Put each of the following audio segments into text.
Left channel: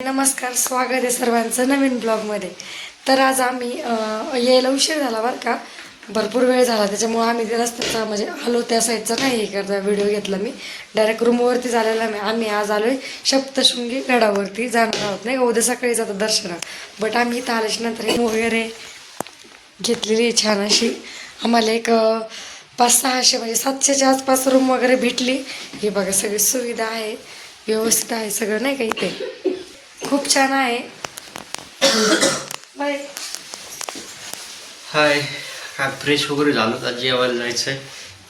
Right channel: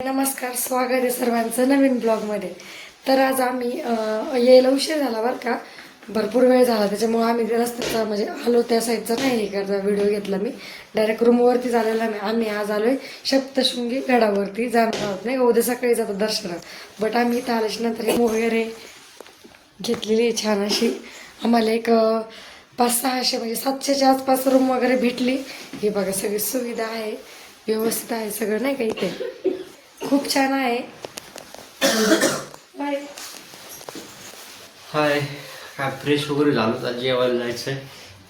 नमस्कार स्वागत आहे सर्वांचं नवीन ब्लॉगमध्ये. तर आज आम्ही यायला उशीर झाला बरं का. भरपूर वेळ झाला त्याच्यामुळे आम्ही रस्त्याचा म्हणजे आलो त्या साईडचा नाही हे करता व्हिडिओ घेतला मी. डायरेक्ट रूमवरती झालेला आम्ही आम्ही आज आलो आहे सप्तशृंगी गडावरती जाणार आहोत. नाही का? उद्या सकाळी जातो दर्शना बट आम्ही इथं आल्याच्यानंतर वगैरे घेतलेली आहे छान अशी. आम्हाला एक पाच सहाशे म्हणजे सातशेच्या आसपास रूम वगैरे भेटली. ही बघा सगळी सुविधा आहे. व्यवस्थित आहे सगळं नाही का इथे? खूप छान आहे. बाय. हाय काय फ्रेश वगैरे झालो तर जेवायला जायचंय.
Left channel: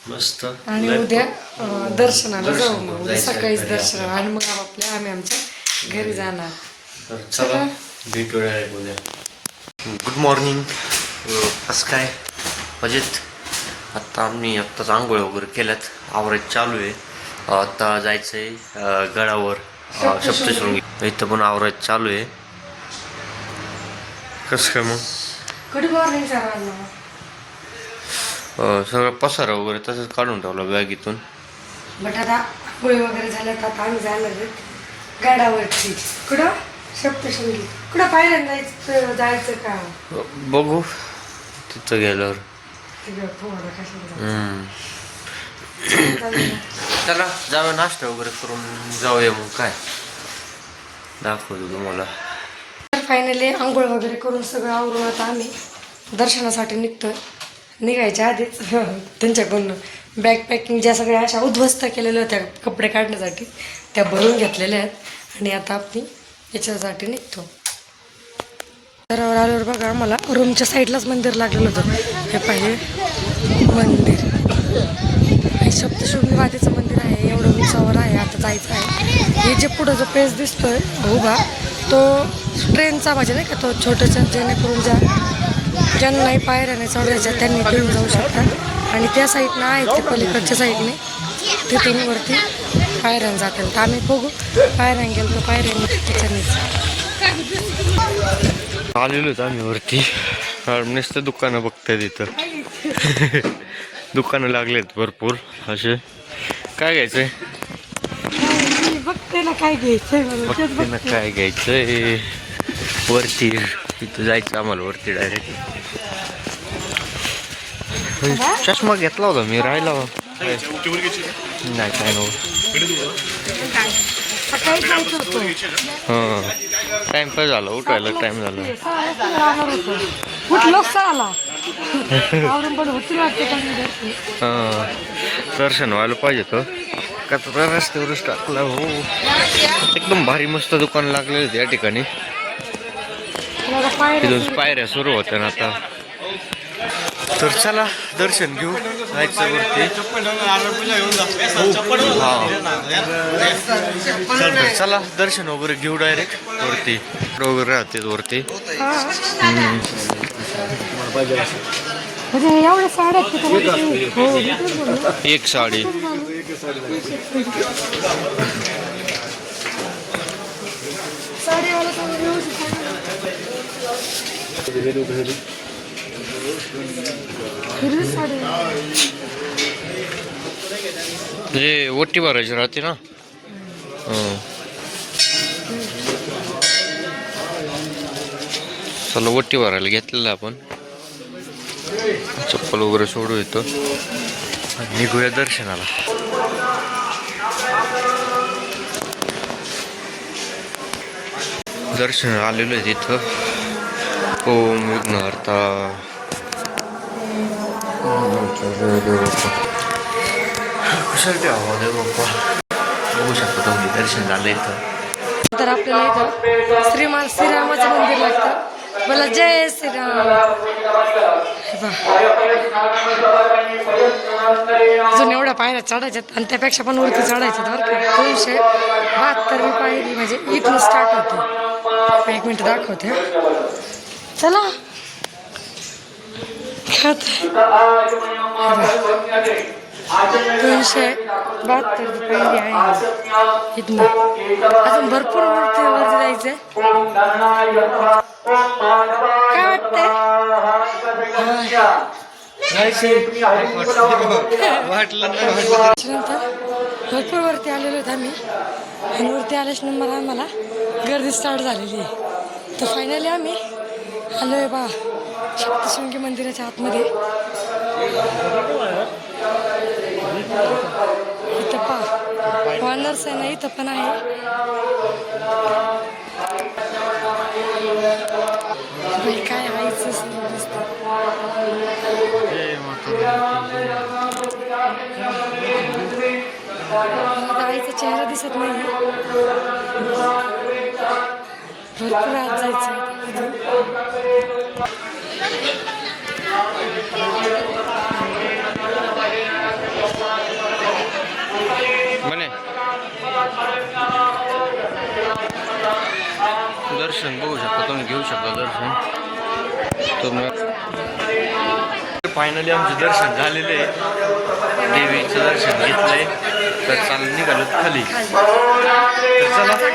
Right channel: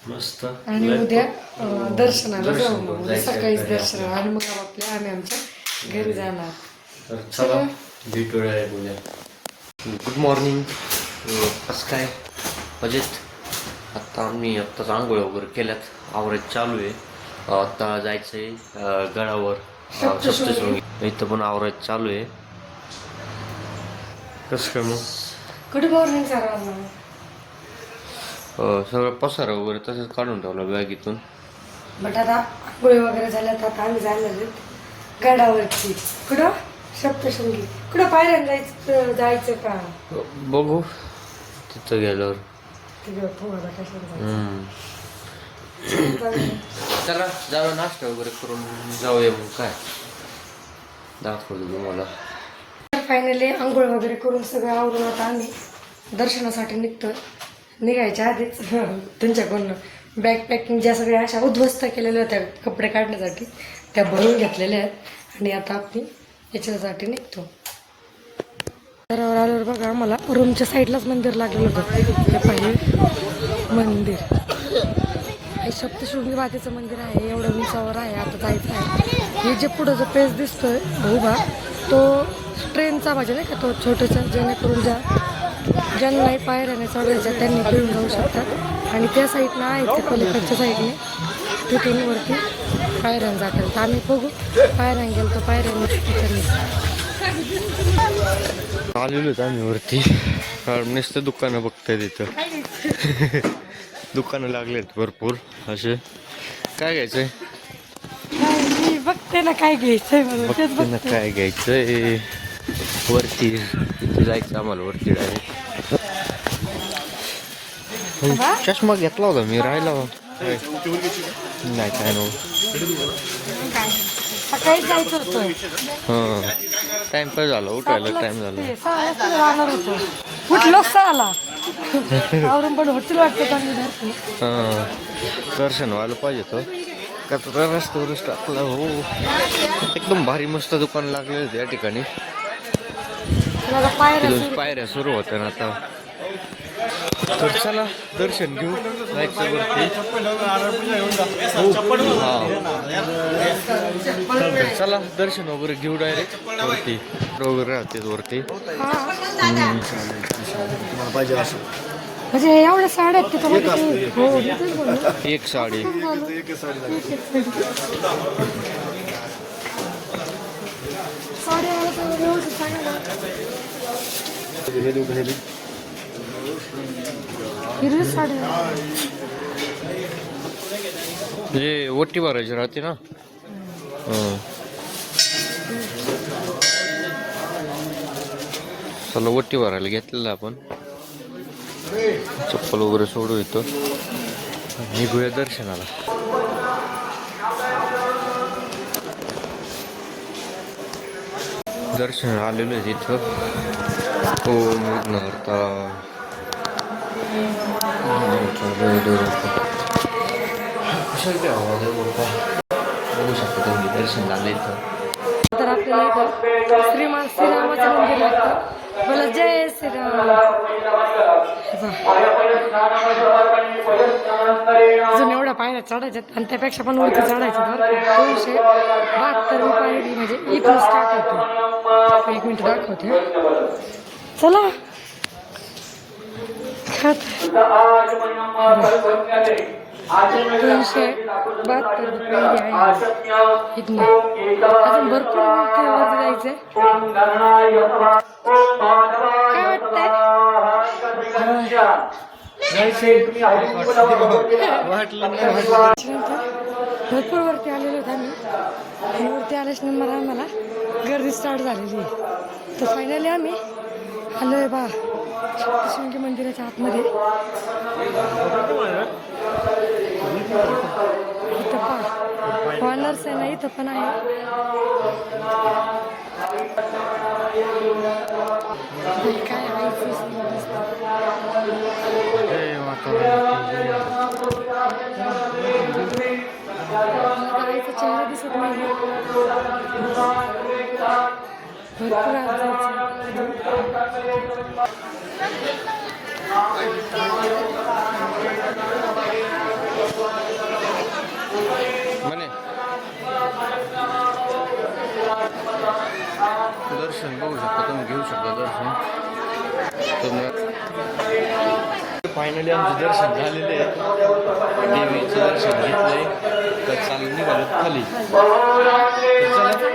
मस्त. आणि उद्या अं, दर्शनाला दर्शन जाऊ मग. उद्या जायचं सकाळीच घरी. दर्शनाला आणि मग आपल्या आम्ही आमच्या घरी जाणार. तर चला भेटू डायरेक्ट उद्या. गुड मॉर्निंग कसं काय? मजेत? आत्ता आम्ही आत्ताच आंघोळ वगैरे केल्यात. आवरायचं चालू आहे. आत्ता जायचंय अं, गडावर. सप्तशृंगी इथं पण आवरायचं चालू आहे. कसं काय मग? सर्वांना. अं, सगळं पसारा वगैरे तसंच काढून ठेवलं बॅगीतून बट आता गोळी वगैरे झाल्या तर आता आम्ही जाणार गडावरती. कुठं? सप्तशृंगी कुठं पायऱ्या जायचं जायचं का? बघू. तिथं गेल्यावर. तिकडं कशाला हम्म. चला जाऊया नाश्ता वगैरे करून जाऊया मग काय? दाखवतो तुम्हाला. फायनली आंघोळ वगैरे करून सगळं आवरून आता आम्ही दर्शनासाठी निघतो निघायच्या आधीच त्यांच्याकडून बॅग पॅकिंग ज्या सगळ्या अशा उद्ध्वस्त केलेल्या होत्या कपडे काढण्यासाठी त्या बनवून घेतलेल्या आहेत. आणि आता आम्ही याच्यासाठी निघतो. दरावर आल्यावर बघा आम्हाला रूमच्या साईडलाच मंदिर लागलेलं होतं. हे पाहिजे मंदिर. हे सप्तशृंगी मातेचं मंदिर आहे एवढं उंचावर आहे आता जायचं आहे. हे जे पुढं जो पेज दिसतोय उभा तो ट्रेनचा म्हणजे नाही का तो छोटासा जेणेकरून ज्या ज्यांनाही पायऱ्याने चढायच्या त्यांनी घेऊन जाऊ शकतात. आणि त्या साईडनं आहे ते पलीकडच्या साईडने तिथून वरती पायऱ्यानं जातात. तर आम्ही बघू पायऱ्यानं गेलो तर पायऱ्याने त्याच्यानेच आलेलोच आम्ही वरती. नुसतं दुकानं बघतात तिथं दुकानं लागलेत भरपूर असे. काय घ्यायचंय? बघते ना काय घ्यायचंय काय घ्यायचंय. वरती जायचं आम्हाला वरती डायरेक्ट चष्मा घेतला होता मी राहिला? नाही काय नव्हतं हां. टाइम काय झाला उठायला टाइम झाला. सहाला. आवरून पण होती वाटते. हां. दर्शन व्हायला पाहिजे तर. कचरा रस्त्यावरच टाकला हो. एकदम भारी मस्त दुकान लागलेलं आहेत या ठिकाणी. पायऱ्या तिथून पायऱ्या सुरू होत्या ना आता. तर चला दर्शन घेऊ. जायचं वरती. हां. तर चला दर्शन वगैरे घेऊ डायरेक्ट वरती. वगैरे राहते वरती. म्हणजे एवढ्या साड्या आहेत तिथं मध्ये हो. एक साडी साड्यावाला सगळं व्यवस्थित सांगा ना. हिरवी साडी म्हणजे ओटी भरायची राहते ना हां चला ओटी भरायला घेतलेलं आपण चप्पल वगैरे सोडू येतो आणि निघूया दर्शनाला. दर्शन आलेलो आहे तिथं. ओम विघ्नहर्ता? कुशल ठेवा दे बाप्पा बघू शकता तुम्ही दर्शन झालं इथं. तर आपल्याला इथं श्रीमान श्रीरामाचं मंदिर लागतं. मला जय श्रीराम. हे अजून एवढ्या पायऱ्या चढायच्यात आणि त्यापेक्षा पण वरती चढायच्यात बरं का. दोनशे बहात्तर पायरी म्हणजे इथून स्टार्ट होते. एक मिनिट दाखवते. चला. खात दोनशे बहात्तर पायरी आहे. इथनं. अजून भरपूर वरती वरती जायचंय काय वाटतंय वाटलं नाही त्याच्यानंतर भरपूर वरती आलेलो आम्ही आणि वरती आल्याच नंबर आम्हाला गर्दी स्टार्ट झालेली आहे. तर फायनली आम्ही. आलो आहे बा शक्तिशृंगी मंदिराच्या आतमध्ये. इथं पा वानर्स आहे ना इथं पण आहे. Hikaye ailesizligimizden. Ey vatanım. Давайте çehre Mana? दर्शन बघू शकता तुम्ही घेऊ शकता दर्शन. तुम्ही फायनली आमचं दर्शन झालेले देवीचं दर्शन घेतलंय. तर चालू निघालो खाली.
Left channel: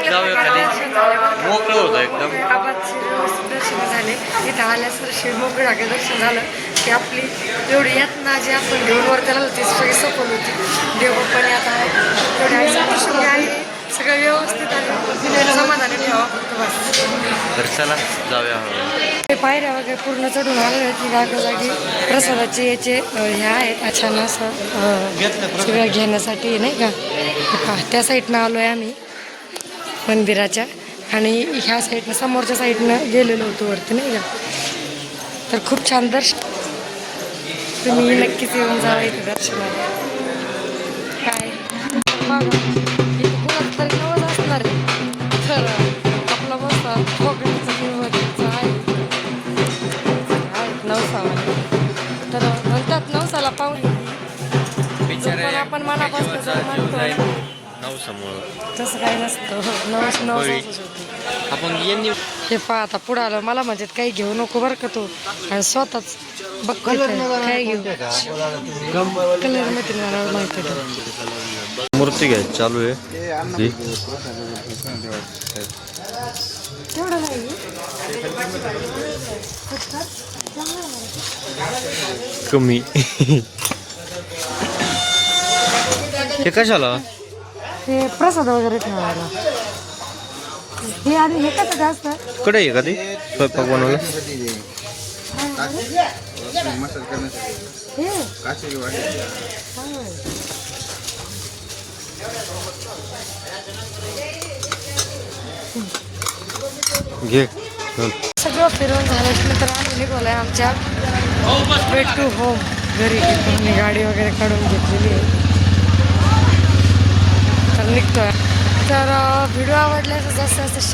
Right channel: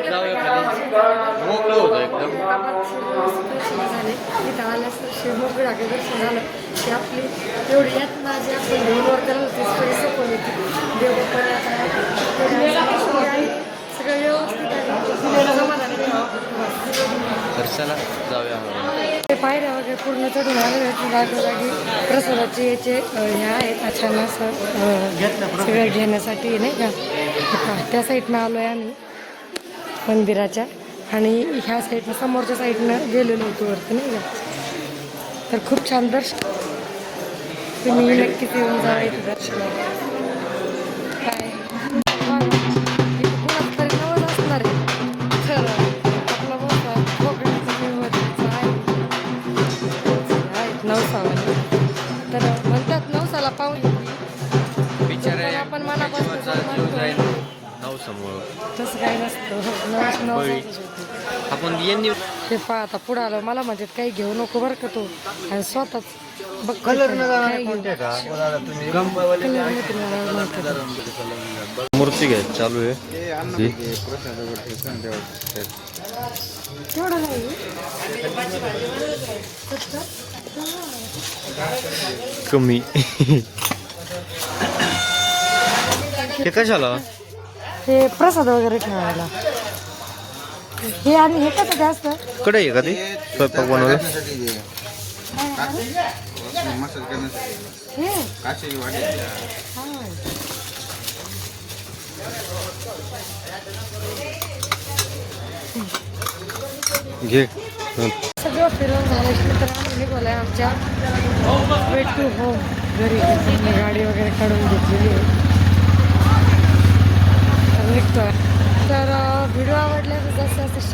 जाऊया खाली. मोकळं होतं एकदम. दर्शन झाले इथं आल्यास दर्शन मोकळं दर्शन झालं. की आपली एवढी यातना जी आपण घेऊन वरती आलो होती देवबाप्पाने आता एवढी आई दर्शन आली सगळं व्यवस्थित आलं समाधानी ठेवा फक्त बस तर चला जाऊया. ते पायऱ्या वगैरे पूर्ण चढून आले की जागोजागी प्रसादाचे याचे हे आहेत छान असं सगळं घेण्यासाठी नाही का? त्या साईडनं आलो आहे आम्ही मंदिराच्या. आणि ह्या साईडनं समोरच्या साईडनं गेलेलो होतो वरती नाही का? तर खूप छान दर्शन. तुम्ही नक्कीच येऊन जा दर्शनाला. तसं काही नसतं नवस नवस आपण यांनी हे पहा आता पुढं आलं मला म्हणजे काही घेऊ नको बरं का तू? आणि स्वतःच बघ काय घेऊ? कलरमध्ये मला माहिती आहे. मूर्ती घ्यायची चालू आहे. कमी हे कशाला? ते प्रसाद वगैरे ठेवायला. हे आणि हे कसं जास्त कडे आहे का ती? स्वयंपाक बनवायला हे? घे. सगळं फिरून झाल्यानंतर आम्ही निघालोय आमच्या. टू होम घरी. गाडी वगैरे काढून घेतलेली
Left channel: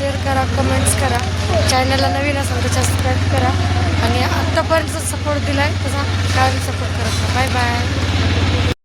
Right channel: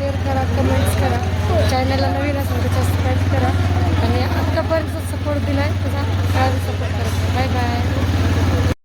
शेअर करा कमेंट्स करा. चॅनलला नवीन असाल तर सबस्क्राईब करा. आणि आत्तापर्यंत सपोर्ट दिला आहे